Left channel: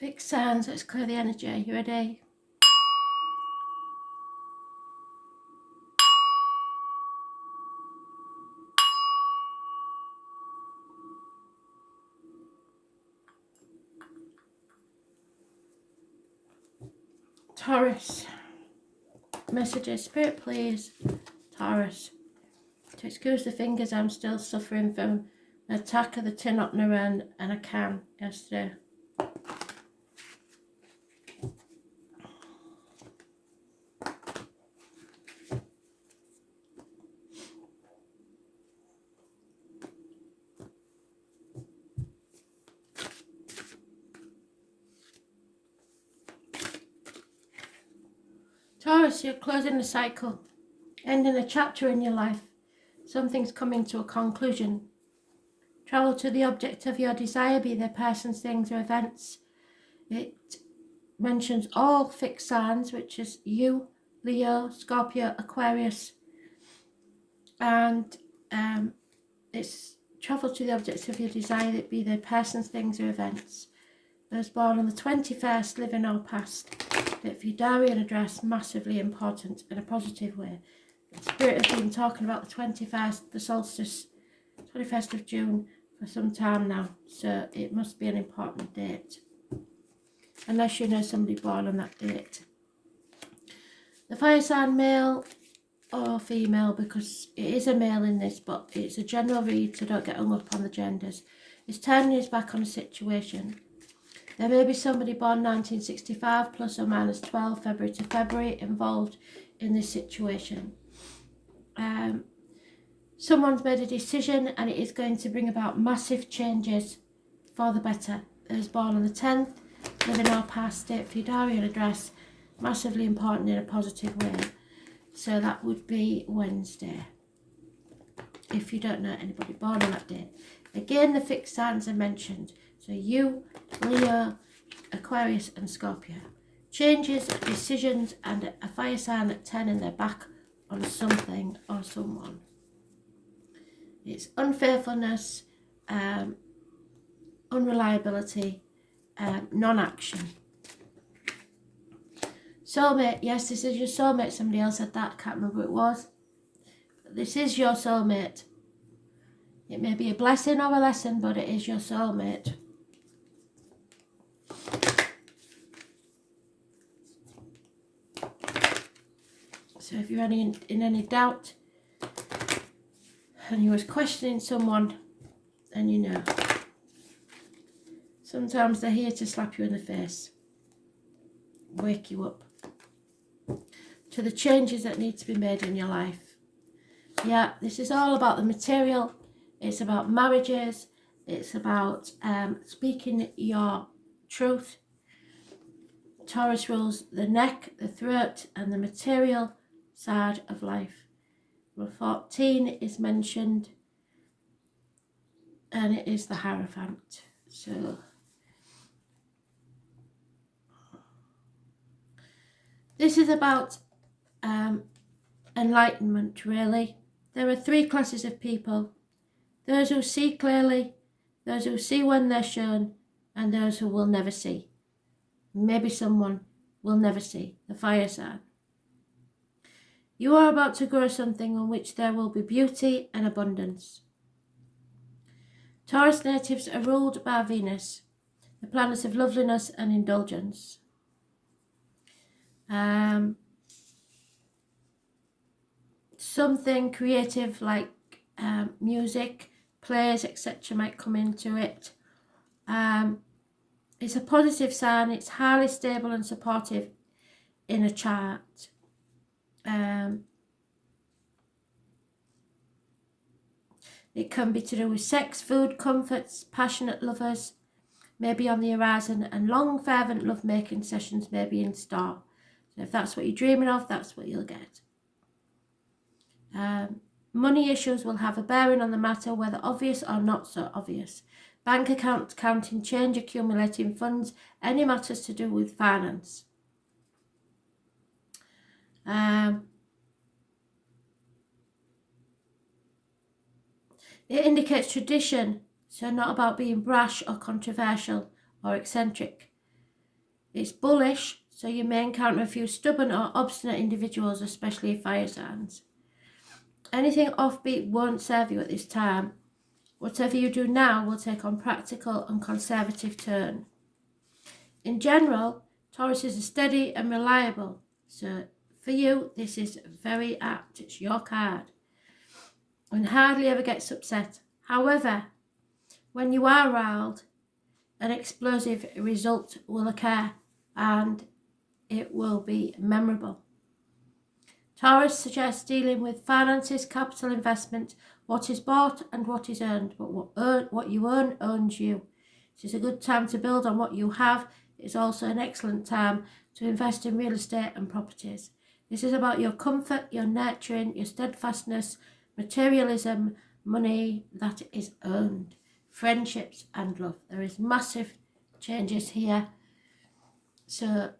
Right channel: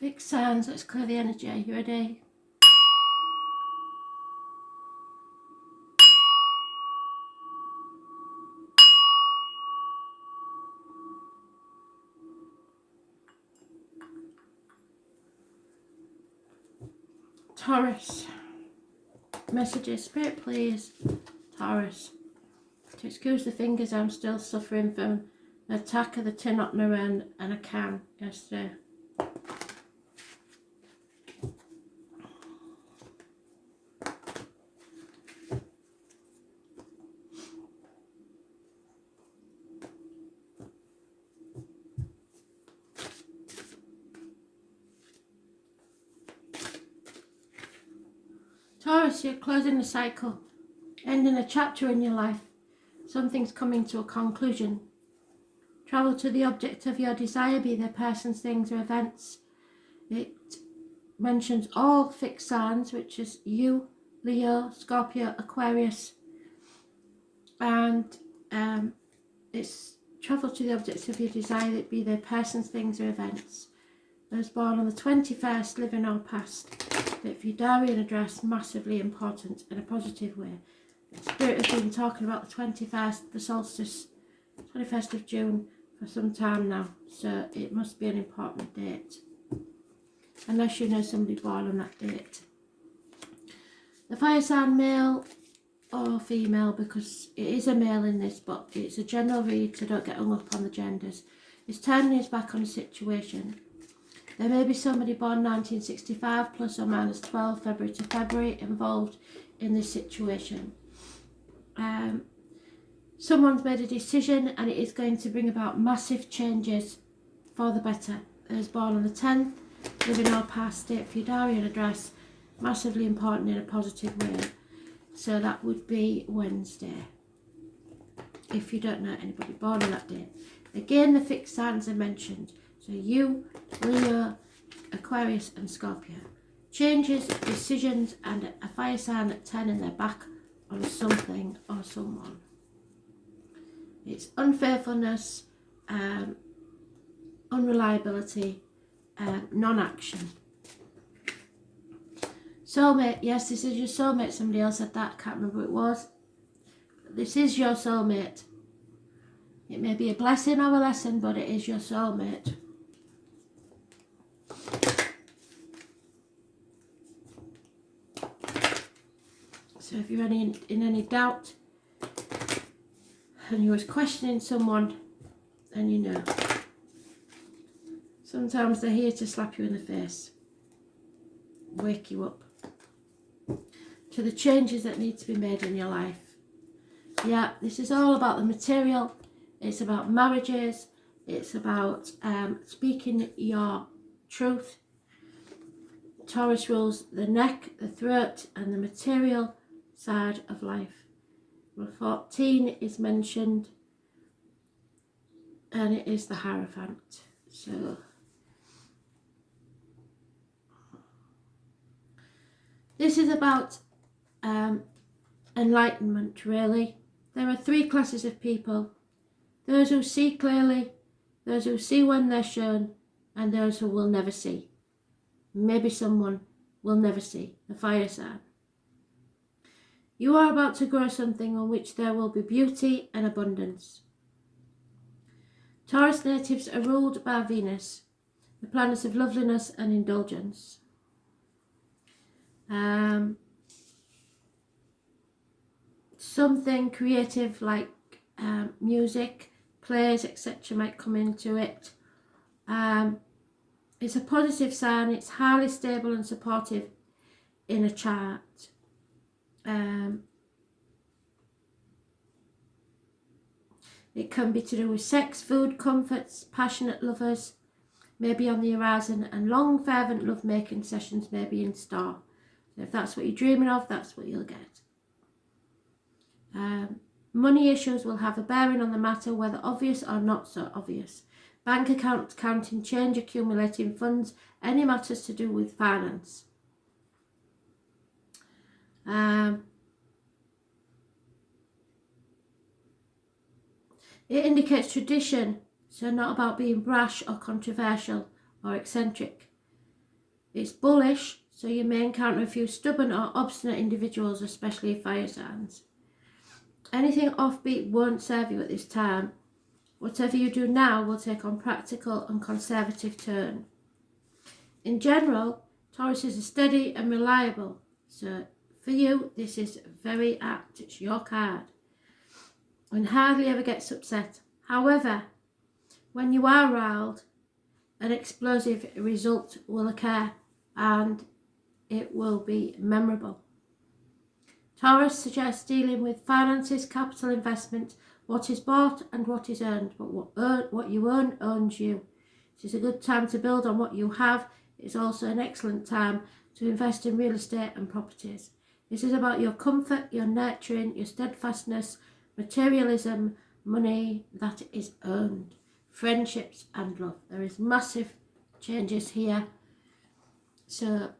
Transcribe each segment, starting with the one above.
Fixed signs, let's clear the energy. Are you ready? Taurus. Messages, Spirit please. Taurus. To excuse the fingers, I'm still suffering from an attack of the tin opener and a can yesterday. Taurus, you're closing the cycle, ending a chapter in your life. Something's coming to a conclusion. Travel to the object of your desire, be they persons, things, or events. It mentions all fixed signs, which is you, Leo, Scorpio, Aquarius, and it's travel to the objects of your desire, that be they persons, things, or events. Those born on the 21st, living or past. That for your diary and address, massively important in a positive way. The Spirit has been talking about the 21st, the solstice, 21st of June, for some time now. So it must be an important date. Unless you know somebody born on that date. The fire sign, male or female, because it is a male in this, but it's a general read, so don't get hung up on the genders. Is turning his back on a situation. There may be somebody born 1965 plus or minus 12 February to February involved in this situation. Someone's made a decision and it is going to bring about massive changes for the better. Those born on the 10th, living or past, date for your diary and address, massively important in a positive way. So that would be Wednesday, if you don't know anybody born on that date. Again, the fixed signs are mentioned. So you, Leo, Aquarius and Scorpio. Changes, decisions and a fire sign at 10 in their back on something or someone. It's unfaithfulness, unreliability, non-action. Soulmate, yes, this is your soulmate. Somebody else said that, can't remember who it was. But this is your soulmate. It may be a blessing or a lesson, but it is your soulmate. So if you're in any doubt and you was questioning someone, then you know. Sometimes they're here to slap you in the face, wake you up to the changes that need to be made in your life. Yeah, this is all about the material. It's about marriages. It's about speaking your truth. Taurus rules the neck, the throat, and the material side of life. Number 14 is mentioned, and it is the Hierophant. So this is about enlightenment, really. There are three classes of people: those who see clearly, those who see when they're shown, and those who will never see. Maybe someone will never see, the fire sign. You are about to grow something on which there will be beauty and abundance. Taurus natives are ruled by Venus, the planet of loveliness and indulgence. Something creative like music, plays, etc. might come into it. It's a positive sign. It's highly stable and supportive in a chart. It can be to do with sex, food, comforts, passionate lovers may be on the horizon, and long fervent love-making sessions may be in store. So if that's what you're dreaming of, that's what you'll get. Money issues will have a bearing on the matter, whether obvious or not so obvious. Bank account counting change, accumulating funds, any matters to do with finance. It indicates tradition, so not about being brash or controversial or eccentric. It's bullish, so you may encounter a few stubborn or obstinate individuals, especially fire signs. Anything offbeat won't serve you at this time. Whatever you do now will take on practical and conservative turn. In general, Taurus is steady and reliable, so for you this is very apt. It's your card and hardly ever gets upset. However, when you are riled, an explosive result will occur and it will be memorable. Taurus suggests dealing with finances, capital investment, what is bought and what is earned. What you earn owns you. It is a good time to build on what you have. It's also an excellent time to invest in real estate and properties. This is about your comfort, your nurturing, your steadfastness, materialism, money that is earned, friendships and love. There is massive changes here. So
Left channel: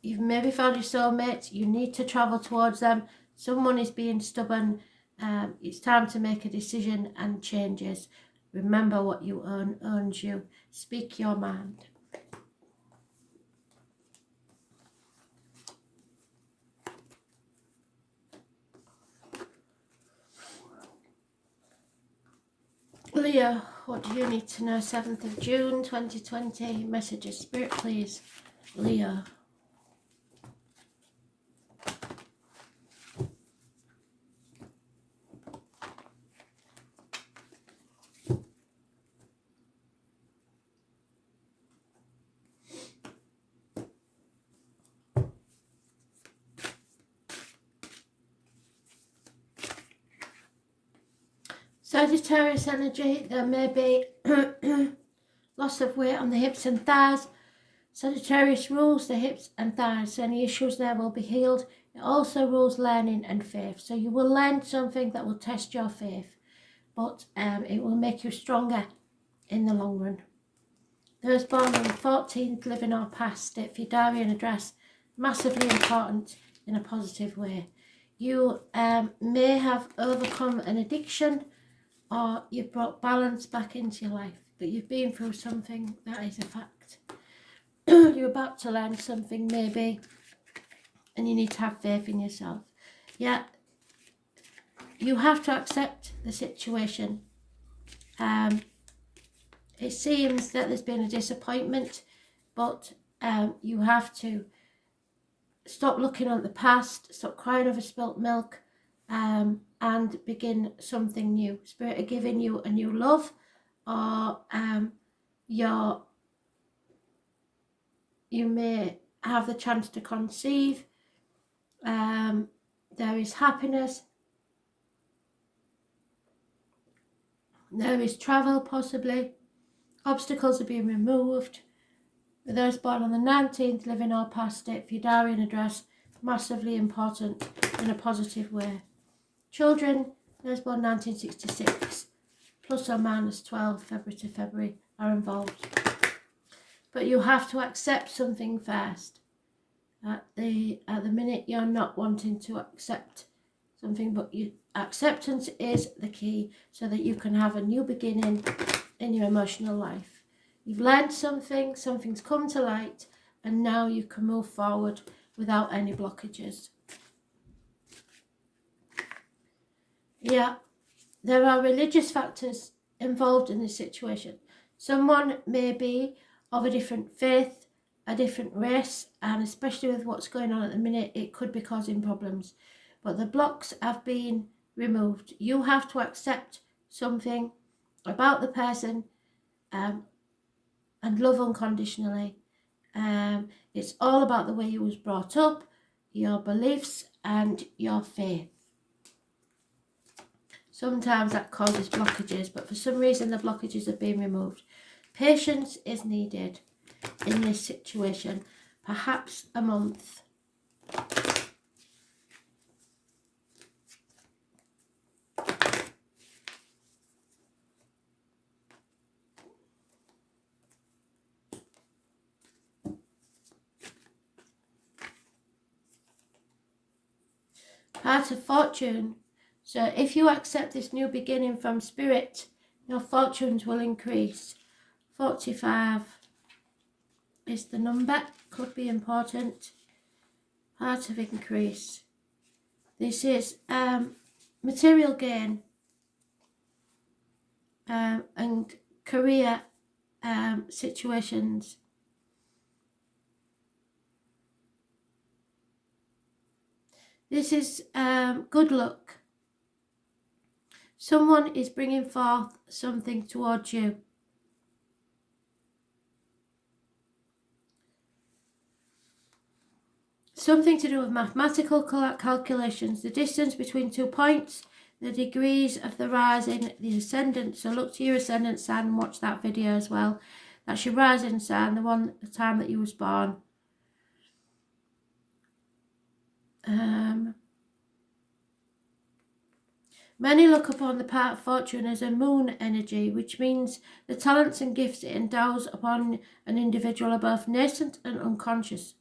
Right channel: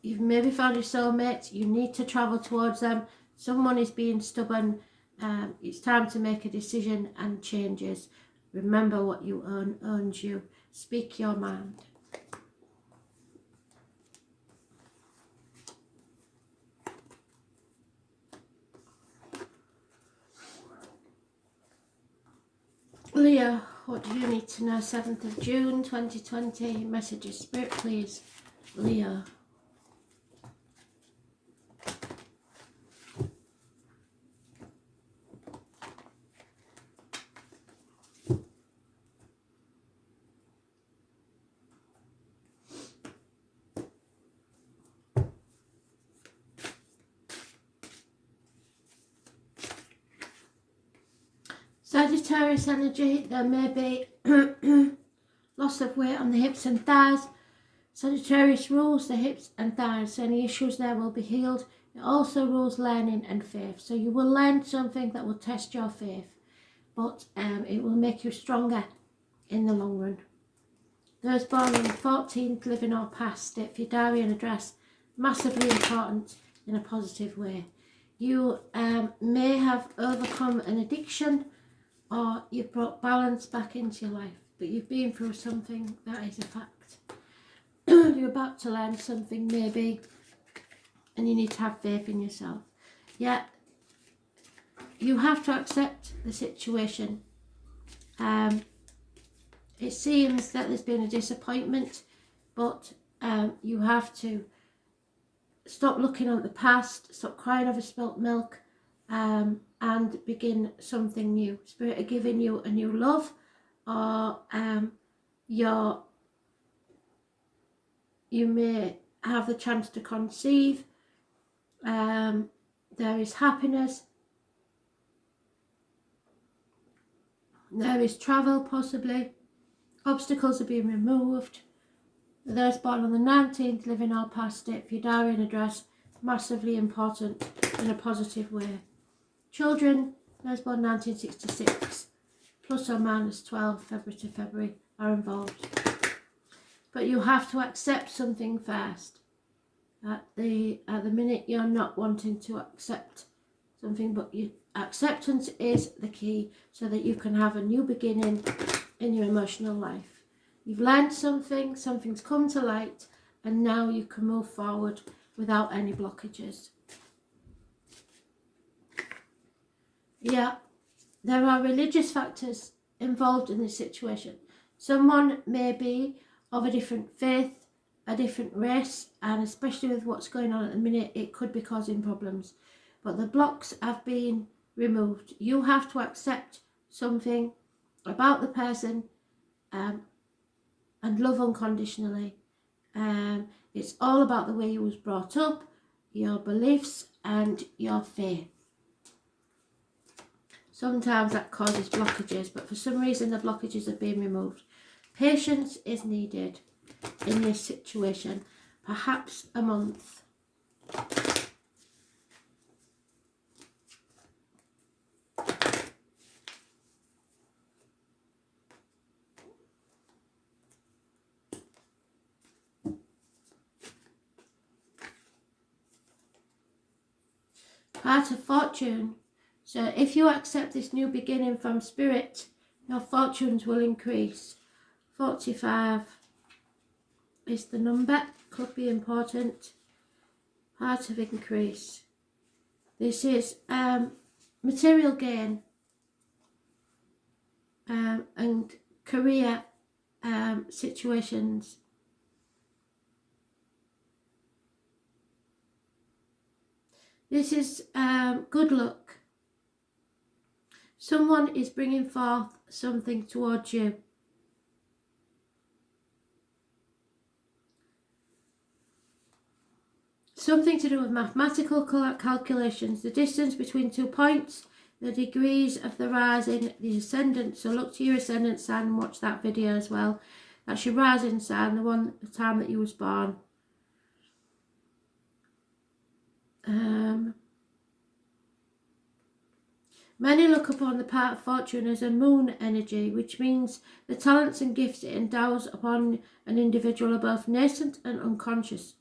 you've maybe found your soulmate. You need to travel towards them. Someone is being stubborn. It's time to make a decision and changes. Remember, what you earn owns you. Speak your mind. Leo, what do you need to know? 7th of June 2020. Messages, Spirit, please. Leo. Sagittarius energy, there may be loss of weight on the hips and thighs. Sagittarius rules the hips and thighs, so any issues there will be healed. It also rules learning and faith, so you will learn something that will test your faith, but it will make you stronger in the long run. Those born on the 14th, living or past, state for your diary and address, massively important in a positive way. You may have overcome an addiction, or you've brought balance back into your life, but you've been through something, that is a fact. You're about to learn something maybe, and you need to have faith in yourself. Yeah, you have to accept the situation. It seems that there's been a disappointment, but you have to stop looking at the past, stop crying over spilt milk, and begin something new. Spirit are giving you a new love, or you may have the chance to conceive. There is happiness. There is travel, possibly. Obstacles are being removed. Those born on the 19th, living or past, state for your diary and address, massively important in a positive way. Children, those born 1966, plus or minus 12 February to February, are involved. But you have to accept something first. At the minute, you're not wanting to accept something, but acceptance is the key, so that you can have a new beginning in your emotional life. You've learned something, something's come to light, and now you can move forward without any blockages. Yeah, there are religious factors involved in this situation. Someone may be of a different faith, a different race, and especially with what's going on at the minute, it could be causing problems. But the blocks have been removed. You have to accept something about the person and love unconditionally. It's all about the way you was brought up, your beliefs and your faith. Sometimes that causes blockages, but for some reason the blockages have been removed. Patience is needed in this situation, perhaps a month. Part of fortune. So if you accept this new beginning from Spirit, your fortunes will increase. 45 is the number, could be important, part of increase. This is material gain and career situations. This is good luck. Someone is bringing forth something towards you. Something to do with mathematical calculations, the distance between 2 points, the degrees of the rising, the ascendant. So look to your ascendant sign and watch that video as well. That's your rising sign, the time that you was born. Many look upon the part of fortune as a moon energy, which means the talents and gifts it endows upon an individual are both nascent and unconscious.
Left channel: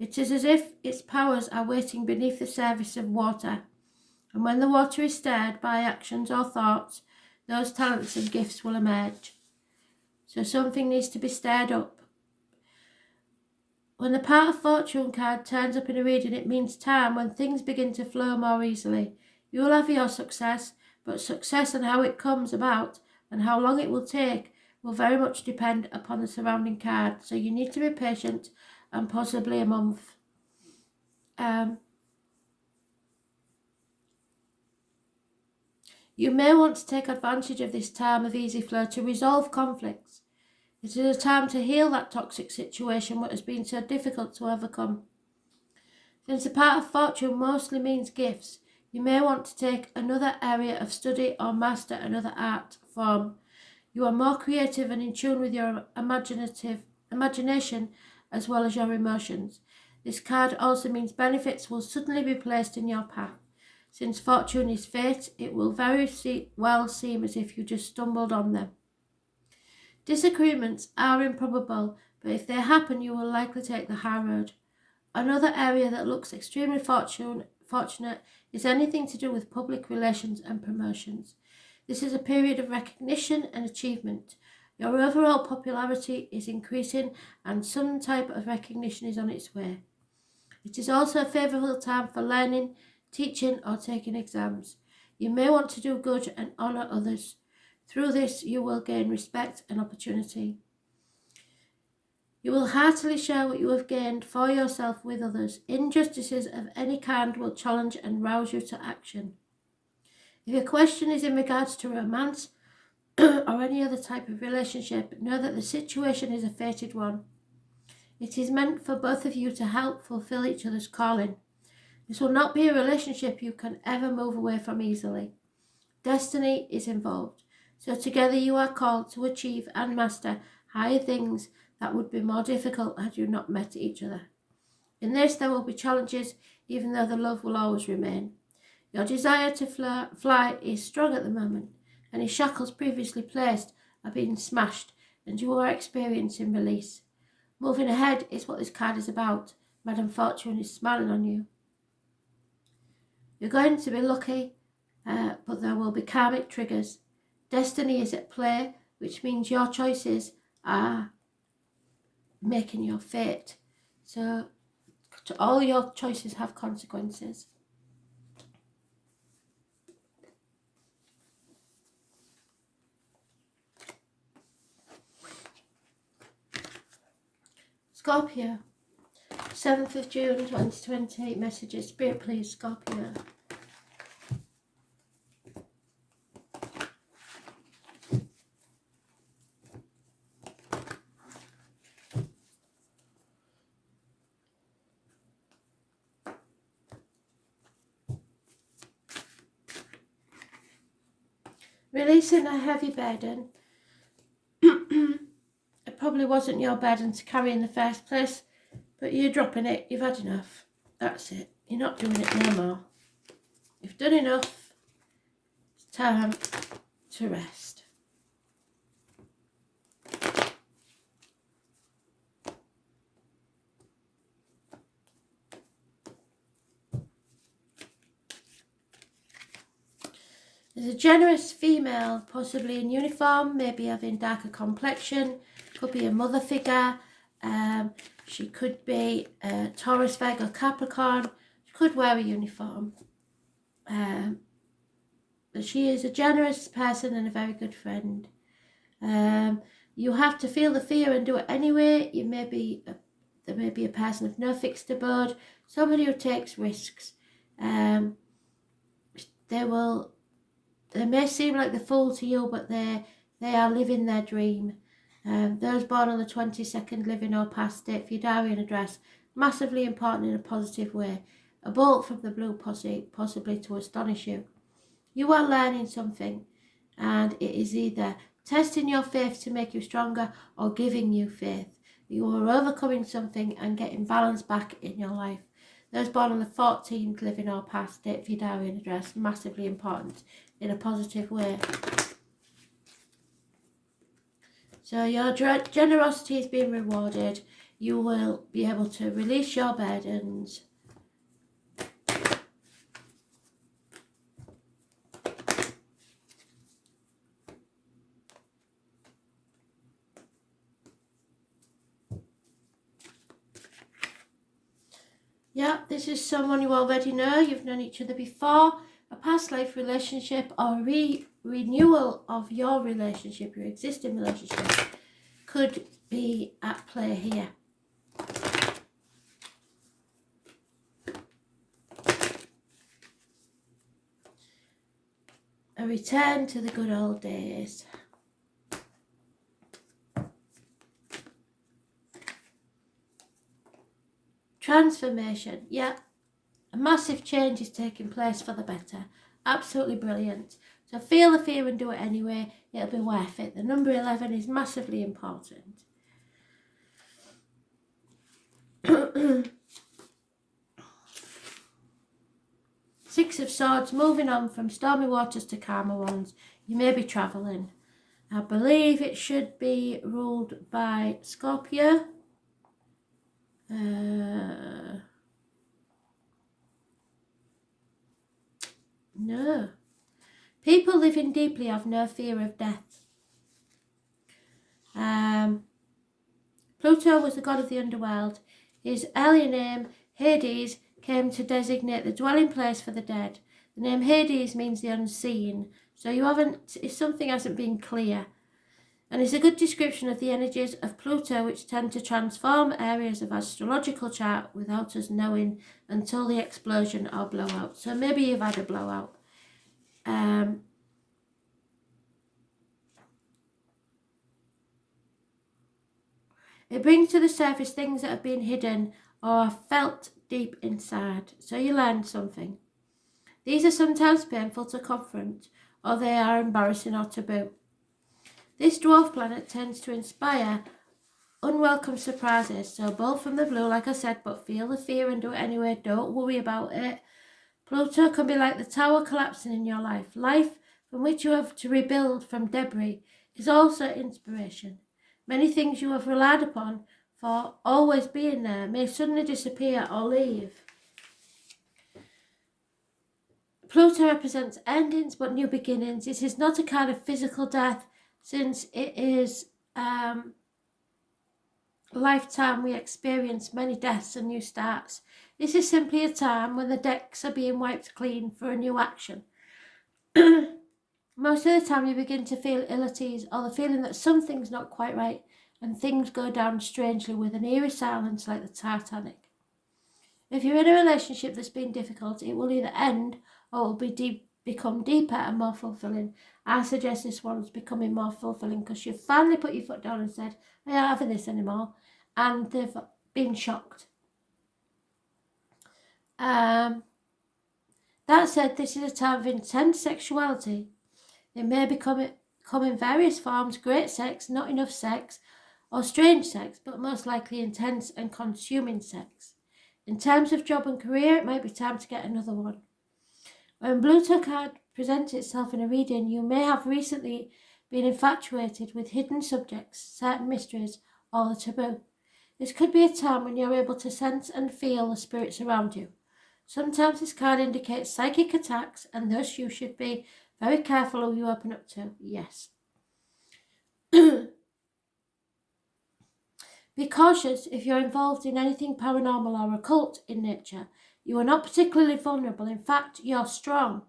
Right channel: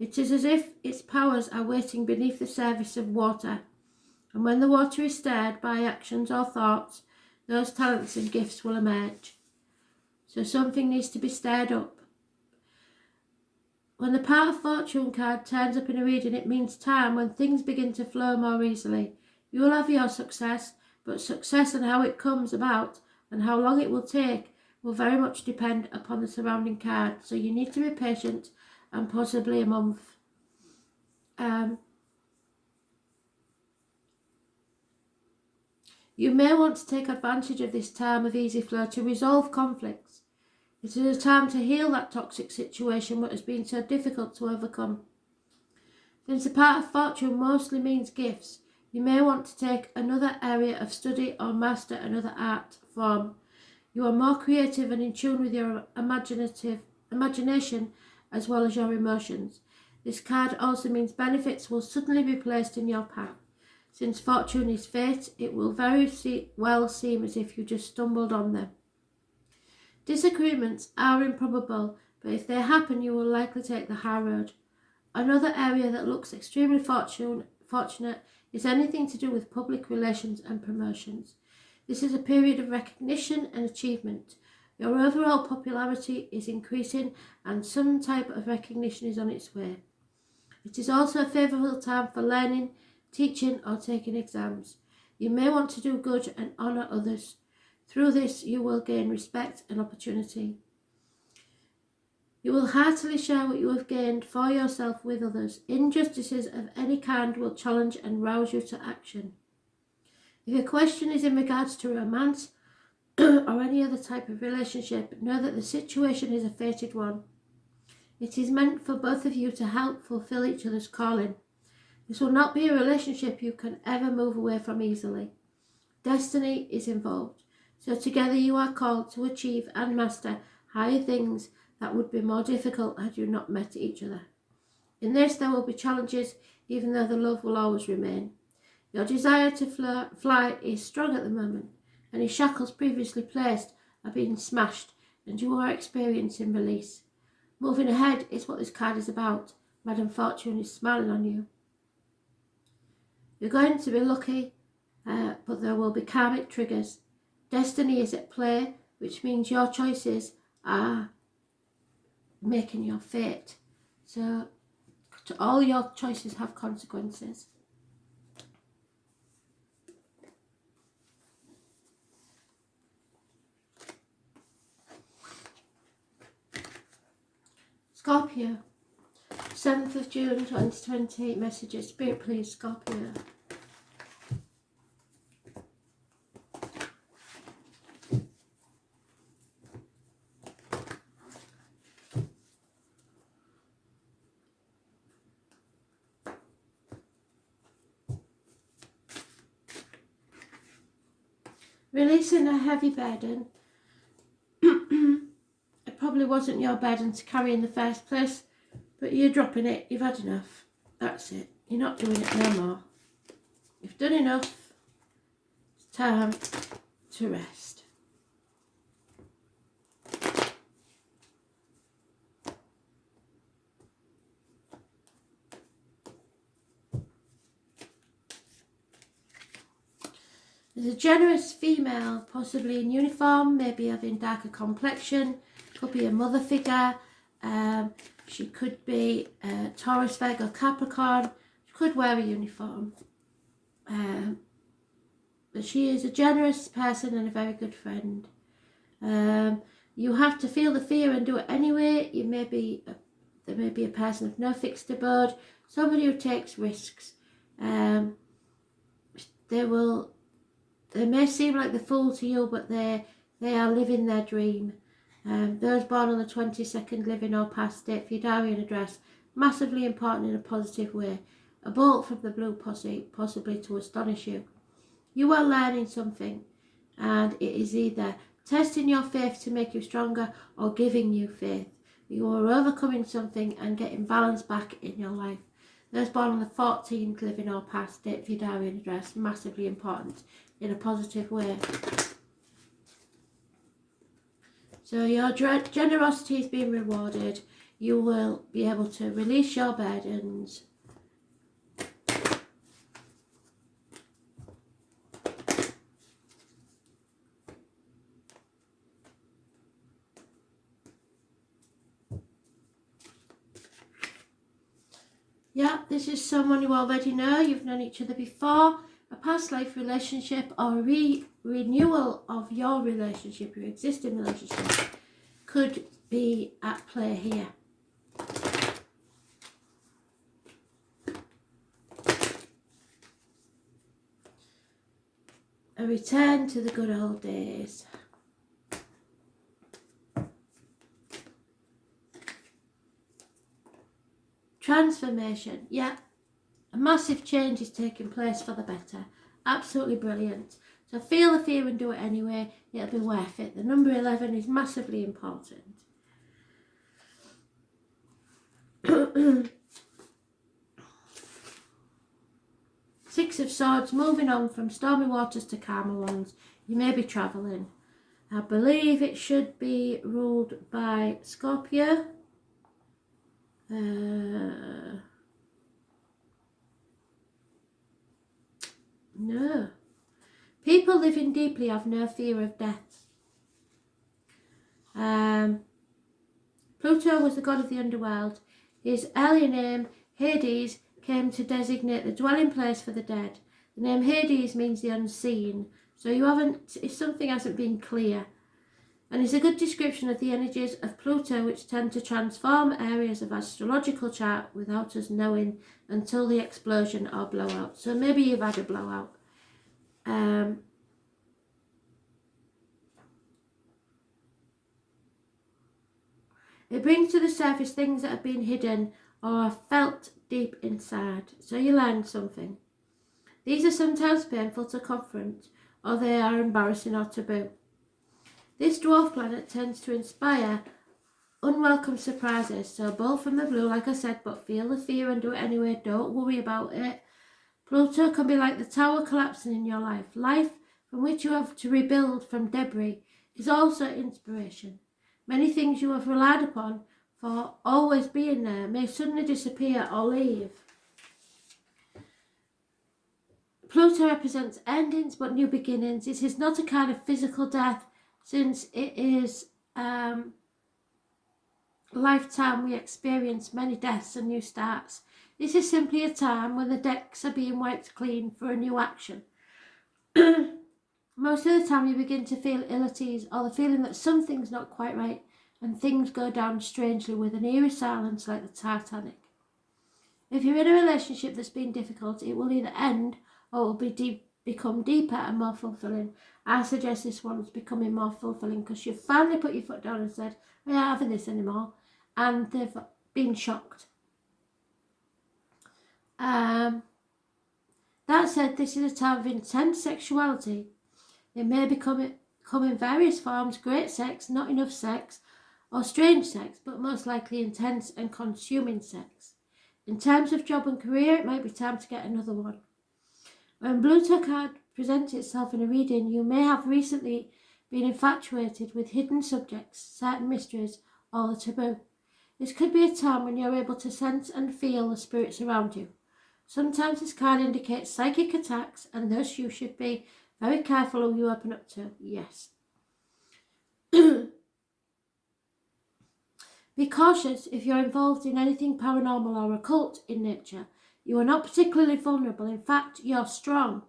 It is as if its powers are waiting beneath the surface of water, and when the water is stirred by actions or thoughts, those talents and gifts will emerge. So something needs to be stirred up. When the part of fortune card turns up in a reading, it means time when things begin to flow more easily. You will have your success, but success and how it comes about and how long it will take will very much depend upon the surrounding card. So you need to be patient and possibly a month. You may want to take advantage of this time of easy flow to resolve conflicts. It is a time to heal that toxic situation that has been so difficult to overcome. Since the part of fortune mostly means gifts, you may want to take another area of study or master another art form. You are more creative and in tune with your imagination as well as your emotions. This card also means benefits will suddenly be placed in your path. Since fortune is fate, it will very well seem as if you just stumbled on them. Disagreements are improbable, but if they happen, you will likely take the high road. Another area that looks extremely fortunate is anything to do with public relations and promotions. This is a period of recognition and achievement. Your overall popularity is increasing and some type of recognition is on its way. It is also a favourable time for learning, teaching or taking exams. You may want to do good and honour others. Through this you will gain respect and opportunity. You will heartily share what you have gained for yourself with others. Injustices of any kind will challenge and rouse you to action. If your question is in regards to romance or any other type of relationship, know that the situation is a fated one. It is meant for both of you to help fulfill each other's calling. This will not be a relationship you can ever move away from easily. Destiny is involved, so together you are called to achieve and master higher things that would be more difficult had you not met each other. In this there will be challenges, even though the love will always remain. Your desire to fly is strong at the moment. Any shackles previously placed are being smashed and you are experiencing release. Moving ahead is what this card is about. Madam Fortune is smiling on you. You're going to be lucky, but there will be karmic triggers. Destiny is at play, which means your choices are making your fate. So all your choices have consequences. Scorpio, 7th of June 2020, messages. Spirit please, Scorpio. Releasing a heavy burden. It probably wasn't your burden to carry in the first place, but you're dropping it. You've had enough. That's it. You're not doing it no more. You've done enough. It's time to rest. There's a generous female, possibly in uniform, maybe having darker complexion, could be a mother figure, She could be Taurus, Virgo, Capricorn. She could wear a uniform. But she is a generous person and a very good friend. You have to feel the fear and do it anyway. There may be a person of no fixed abode, somebody who takes risks. They may seem like the fool to you, but they are living their dream. Those born on the 22nd, living or past date for your diary and address, massively important in a positive way. A bolt from the blue, possibly to astonish you. You are learning something, and it is either testing your faith to make you stronger or giving you faith. You are overcoming something and getting balance back in your life. Those born on the 14th, living or past date for your diary and address, massively important in a positive way. So your generosity is being rewarded. You will be able to release your burdens. Yeah, this is someone you already know. You've known each other before. A past life relationship or renewal of your relationship, your existing relationship, could be at play here. A return to the good old days. Transformation, yeah. A massive change is taking place for the better. Absolutely brilliant. So feel the fear and do it anyway. It'll be worth it. The number 11 is massively important. Six of Swords, moving on from stormy waters to calmer ones. You may be travelling. I believe it should be ruled by Scorpio. No. People living deeply have no fear of death. Pluto was the god of the underworld. His earlier name, Hades, came to designate the dwelling place for the dead. The name Hades means the unseen. So if something hasn't been clear. And it's a good description of the energies of Pluto, which tend to transform areas of astrological chart without us knowing until the explosion or blowout. So maybe you've had a blowout. It brings to the surface things that have been hidden or are felt deep inside. So you learn something. These are sometimes painful to confront, or they are embarrassing or taboo. This dwarf planet tends to inspire unwelcome surprises. So bolt from the blue, like I said, but feel the fear and do it anyway. Don't worry about it. Pluto can be like the tower collapsing in your life. Life from which you have to rebuild from debris is also inspiration. Many things you have relied upon for always being there may suddenly disappear or leave. Pluto represents endings but new beginnings. It is not a kind of physical death, since it is lifetime we experience many deaths and new starts. This is simply a time when the decks are being wiped clean for a new action. Most of the time you begin to feel ill at ease, or the feeling that something's not quite right, and things go down strangely with an eerie silence like the Titanic. If you're in a relationship that's been difficult, it will either end or it will become deeper and more fulfilling. I suggest this one's becoming more fulfilling because you've finally put your foot down and said, I'm not having this anymore, and they've been shocked. That said, this is a time of intense sexuality. It may come in various forms: great sex, not enough sex, or strange sex, but most likely intense and consuming sex. In terms of job and career, it might be time to get another one. When Pluto card presents itself in a reading, you may have recently been infatuated with hidden subjects, certain mysteries, or the taboo. This could be a time when you're able to sense and feel the spirits around you. Sometimes this card indicates psychic attacks, and thus you should be very careful who you open up to. Yes. Be cautious if you're involved in anything paranormal or occult in nature. You are not particularly vulnerable. In fact, you're strong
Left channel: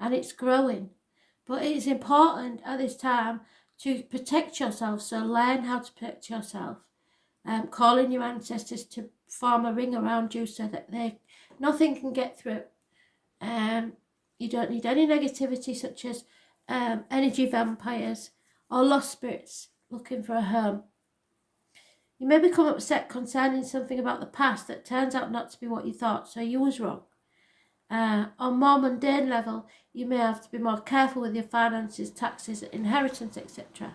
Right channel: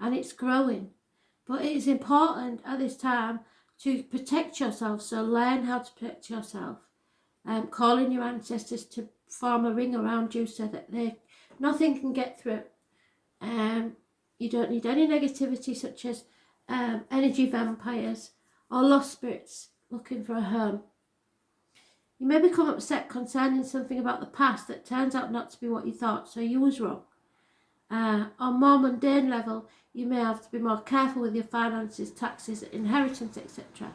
and it's growing. But it is important at this time to protect yourself, so learn how to protect yourself. Call in your ancestors to form a ring around you so that nothing can get through. You don't need any negativity such as energy vampires or lost spirits looking for a home. You may become upset concerning something about the past that turns out not to be what you thought, so you was wrong. On more mundane level, you may have to be more careful with your finances, taxes, inheritance, etc.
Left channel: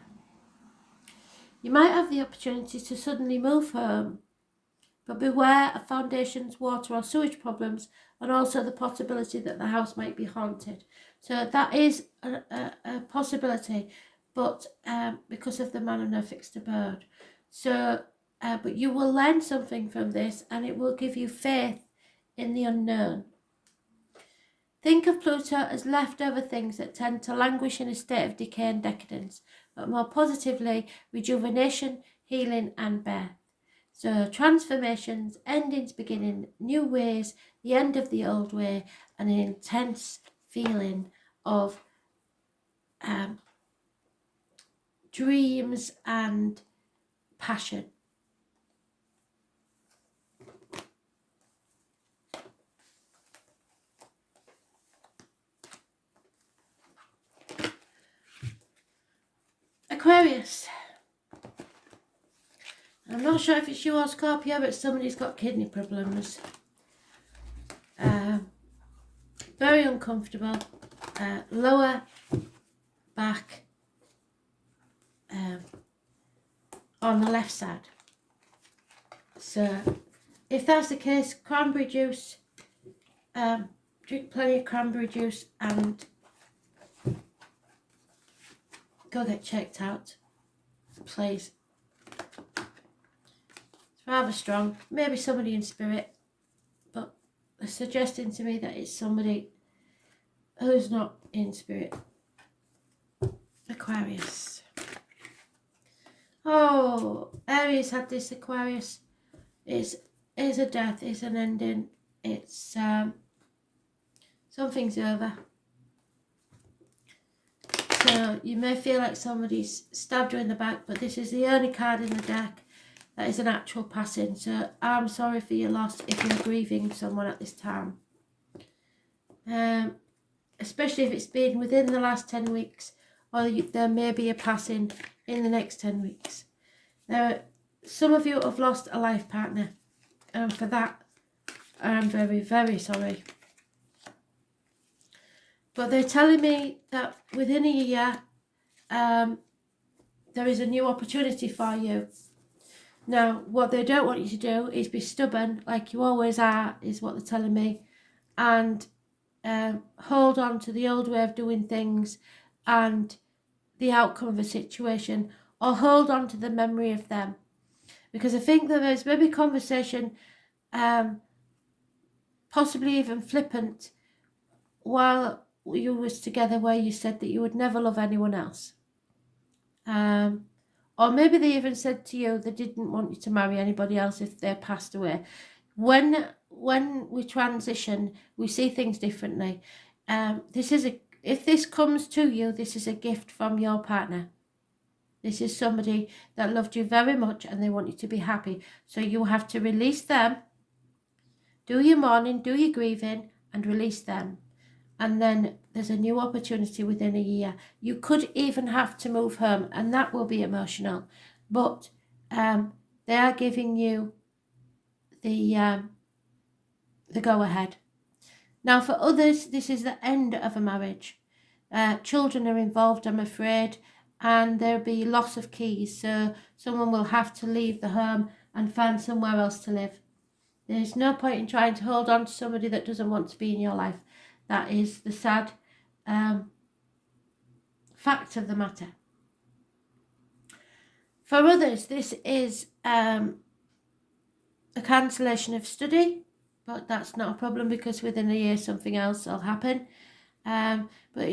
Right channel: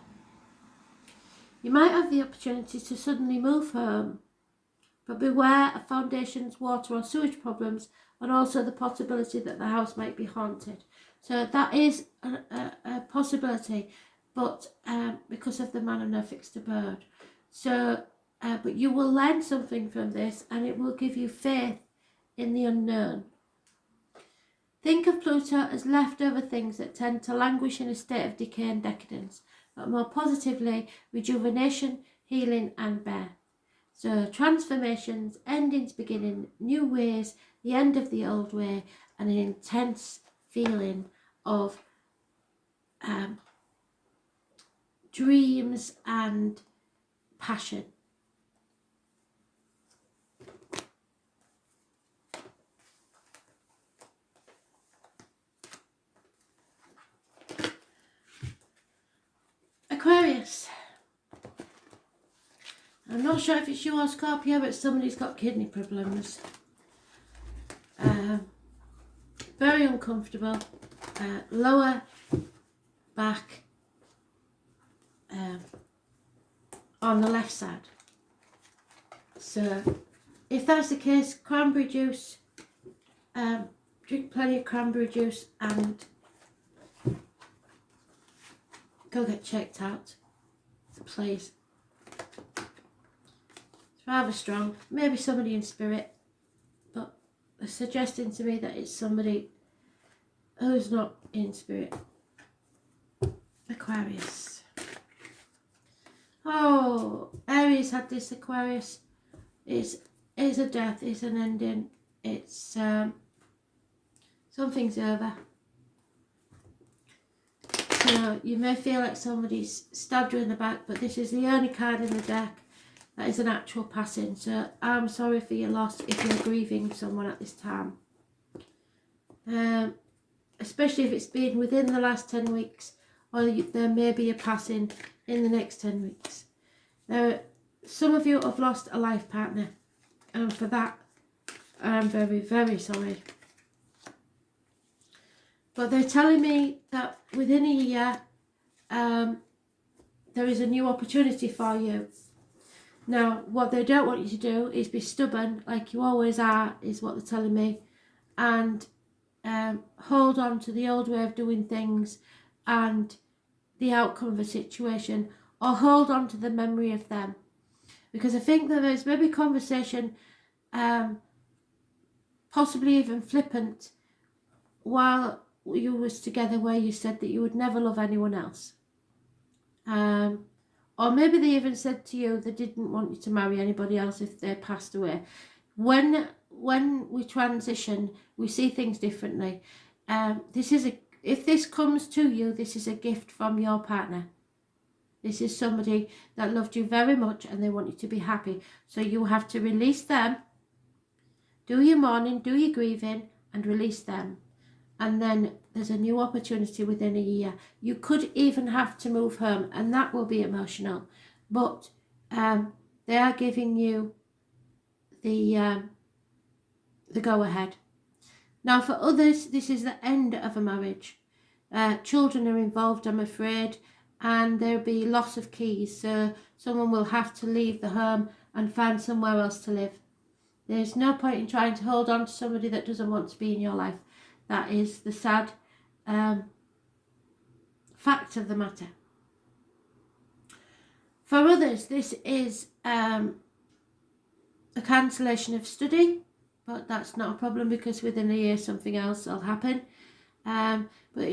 You might have the opportunity to suddenly move home, but beware of foundations, water or sewage problems, and also the possibility that the house might be haunted. So that is a possibility, but because of the man and no fixed abode. So, but you will learn something from this, and it will give you faith in the unknown. Think of Pluto as leftover things that tend to languish in a state of decay and decadence, but more positively, rejuvenation, healing and birth. So transformations, endings, beginning, new ways, the end of the old way, and an intense feeling of dreams and passion. Aquarius. I'm not sure if it's you or Scorpio, but somebody's got kidney problems. Very uncomfortable. Lower back on the left side. So if that's the case, cranberry juice, drink plenty of cranberry juice and go get checked out, please. It's rather strong. Maybe somebody in spirit, but they're suggesting to me that it's somebody who's not in spirit. Aquarius. Oh, Aries had this Aquarius. It's a death, it's an ending. It's something's over. So you may feel like somebody's stabbed you in the back, but this is the only card in the deck that is an actual passing. So I'm sorry for your loss if you're grieving someone at this time. Especially if it's been within the last 10 weeks, or there may be a passing in the next 10 weeks. Now, some of you have lost a life partner, and for that, I'm very, very sorry. But they're telling me that within a year, there is a new opportunity for you. Now, what they don't want you to do is be stubborn, like you always are, is what they're telling me, and hold on to the old way of doing things and the outcome of a situation, or hold on to the memory of them. Because I think there is maybe conversation, possibly even flippant, while you was together, where you said that you would never love anyone else. Or maybe they even said to you they didn't want you to marry anybody else if they passed away. When we transition, we see things differently. If this comes to you, this is a gift from your partner. This is somebody that loved you very much and they want you to be happy. So you have to release them, do your mourning, do your grieving, and release them. And then there's a new opportunity within a year. You could even have to move home, and that will be emotional. But they are giving you the go-ahead. Now, for others, this is the end of a marriage. Children are involved, I'm afraid, and there'll be loss of keys. So someone will have to leave the home and find somewhere else to live. There's no point in trying to hold on to somebody that doesn't want to be in your life. That is the sad fact of the matter. For others, this is a cancellation of study, but that's not a problem because within a year something else will happen. But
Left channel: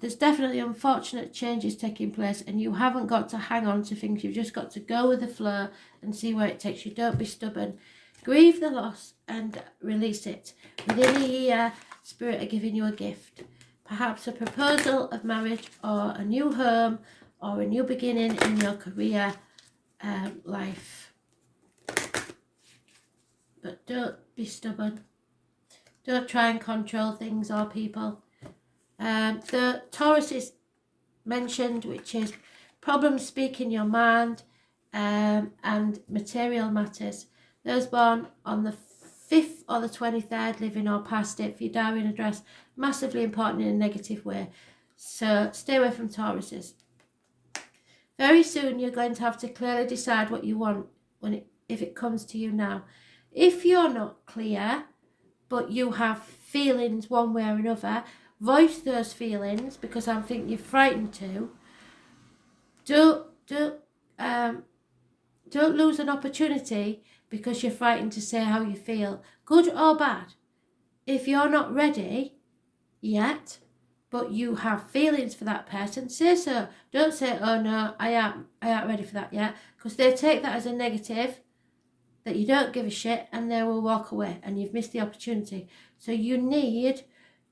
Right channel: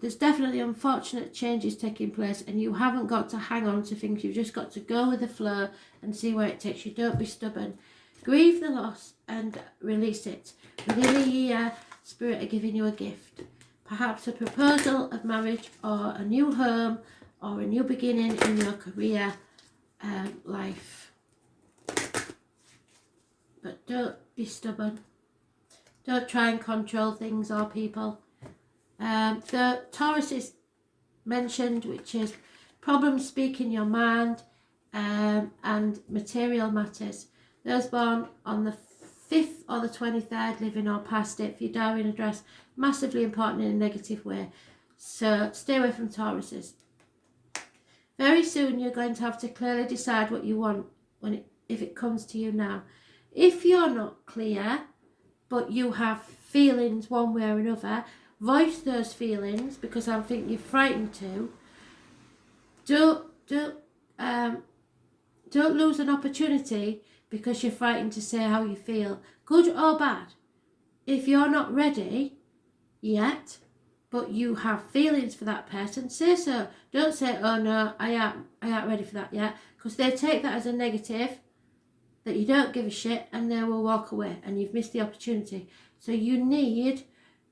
there's definitely unfortunate changes taking place, and you haven't got to hang on to things. You've just got to go with the flow and see where it takes you. Don't be stubborn. Grieve the loss and release it. Within a year, Spirit are giving you a gift. Perhaps a proposal of marriage, or a new home, or a new beginning in your career life. But don't be stubborn. Don't try and control things or people. The Taurus is mentioned, which is problems speak in your mind, and material matters. Those born on the 5th or the 23rd, living or past it, for your diary and address, massively important in a negative way. So stay away from Tauruses. Very soon you're going to have to clearly decide what you want if it comes to you now. If you're not clear, but you have feelings one way or another, voice those feelings, because I think you're frightened to. Don't lose an opportunity because you're frightened to say how you feel, good or bad. If you're not ready yet, but you have feelings for that person, say so. Don't say, oh no, I ain't ready for that yet, because they take that as a negative, that you don't give a shit, and they will walk away and you've missed the opportunity. So you need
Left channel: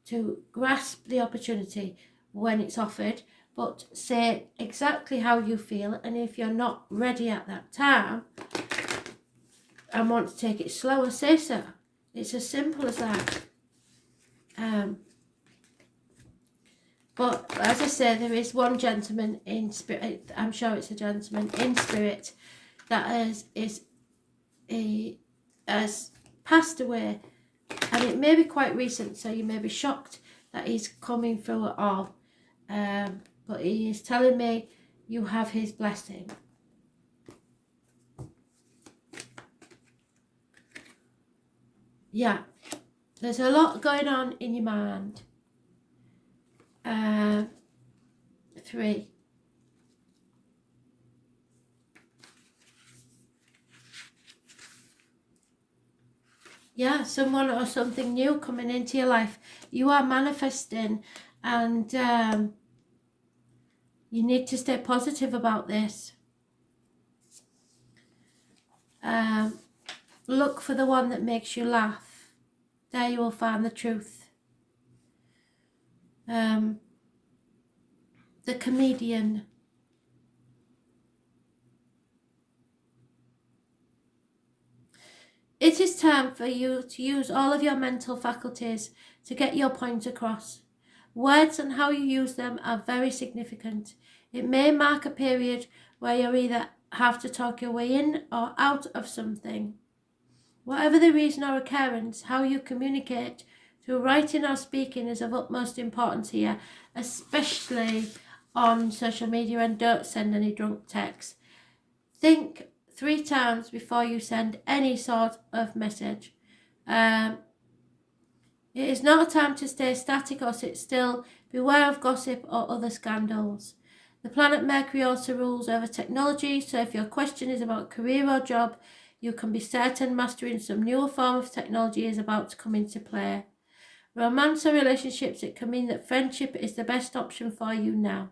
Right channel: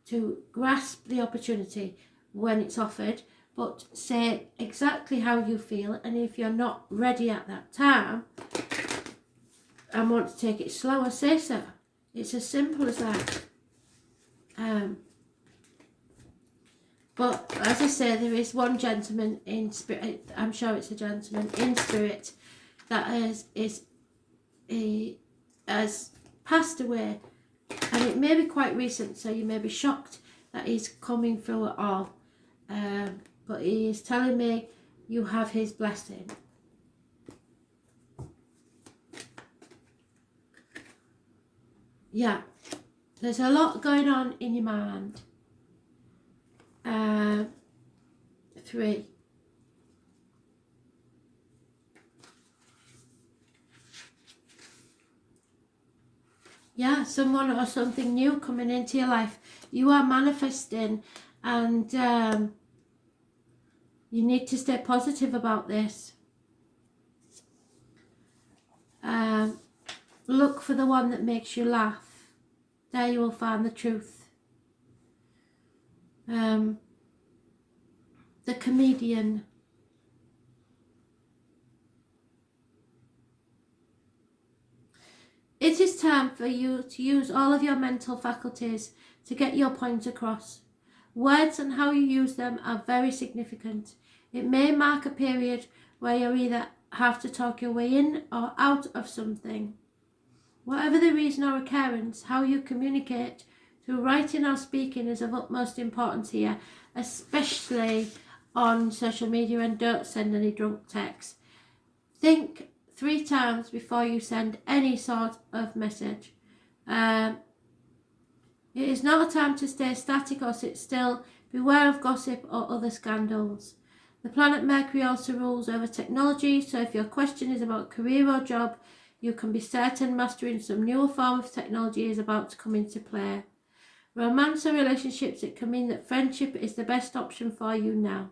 to grasp the opportunity when it's offered, but say exactly how you feel. And if you're not ready at that time and want to take it slower, say so. It's as simple as that. But as I say, there is one gentleman in spirit, I'm sure it's a gentleman in spirit, that has passed away, and it may be quite recent, so you may be shocked that he's coming through it all. But he is telling me you have his blessing. Yeah, there's a lot going on in your mind. 3. Yeah, someone or something new coming into your life. You are manifesting, and you need to stay positive about this. Look for the one that makes you laugh. There you will find the truth. The comedian. It is time for you to use all of your mental faculties to get your point across. Words and how you use them are very significant. It may mark a period where you either have to talk your way in or out of something. Whatever the reason or occurrence, how you communicate through writing or speaking is of utmost importance here, especially on social media, and don't send any drunk texts. Think 3 times before you send any sort of message. It is not a time to stay static or sit still. Beware of gossip or other scandals. The planet Mercury also rules over technology, so if your question is about career or job, you can be certain mastering some new form of technology is about to come into play. Romance or relationships, it can mean that friendship is the best option for you now.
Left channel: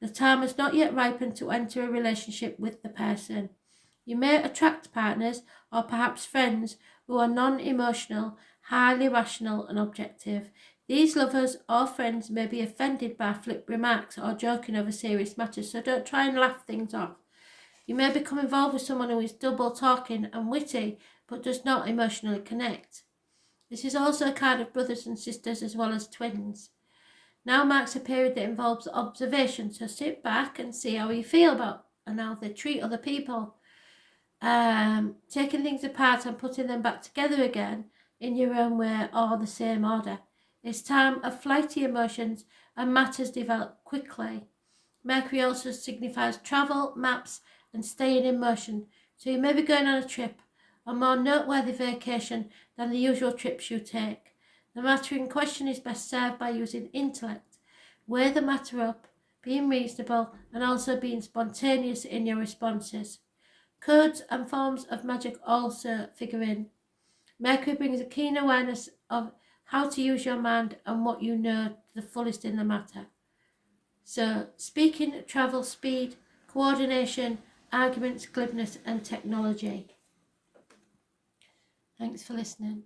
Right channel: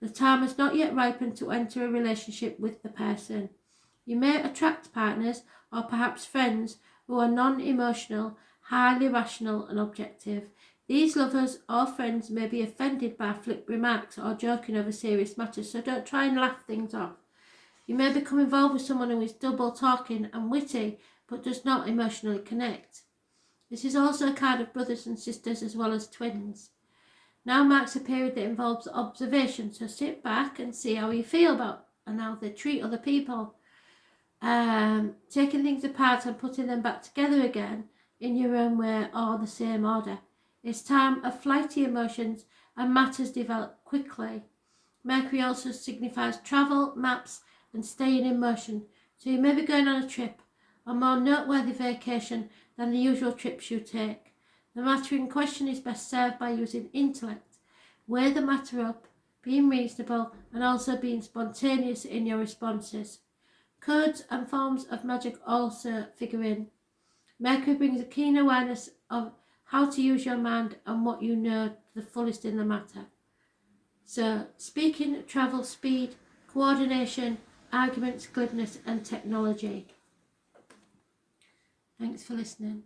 The time has not yet ripened to enter a relationship with the person. You may attract partners or perhaps friends who are non-emotional, highly rational and objective. These lovers or friends may be offended by flip remarks or joking over serious matters, so don't try and laugh things off. You may become involved with someone who is double talking and witty but does not emotionally connect. This is also a card of brothers and sisters as well as twins. Now marks a period that involves observation, so sit back and see how you feel about and how they treat other people. Taking things apart and putting them back together again in your own way or the same order. It's time of flighty emotions and matters develop quickly. Mercury also signifies travel, maps and staying in motion, so you may be going on a trip, a more noteworthy vacation than the usual trips you take. The matter in question is best served by using intellect. Weigh the matter up, being reasonable and also being spontaneous in your responses. Codes and forms of magic also figure in. Mercury brings a keen awareness of how to use your mind and what you know to the fullest in the matter. So, speaking, travel, speed, coordination, arguments, glibness and technology. Thanks for listening.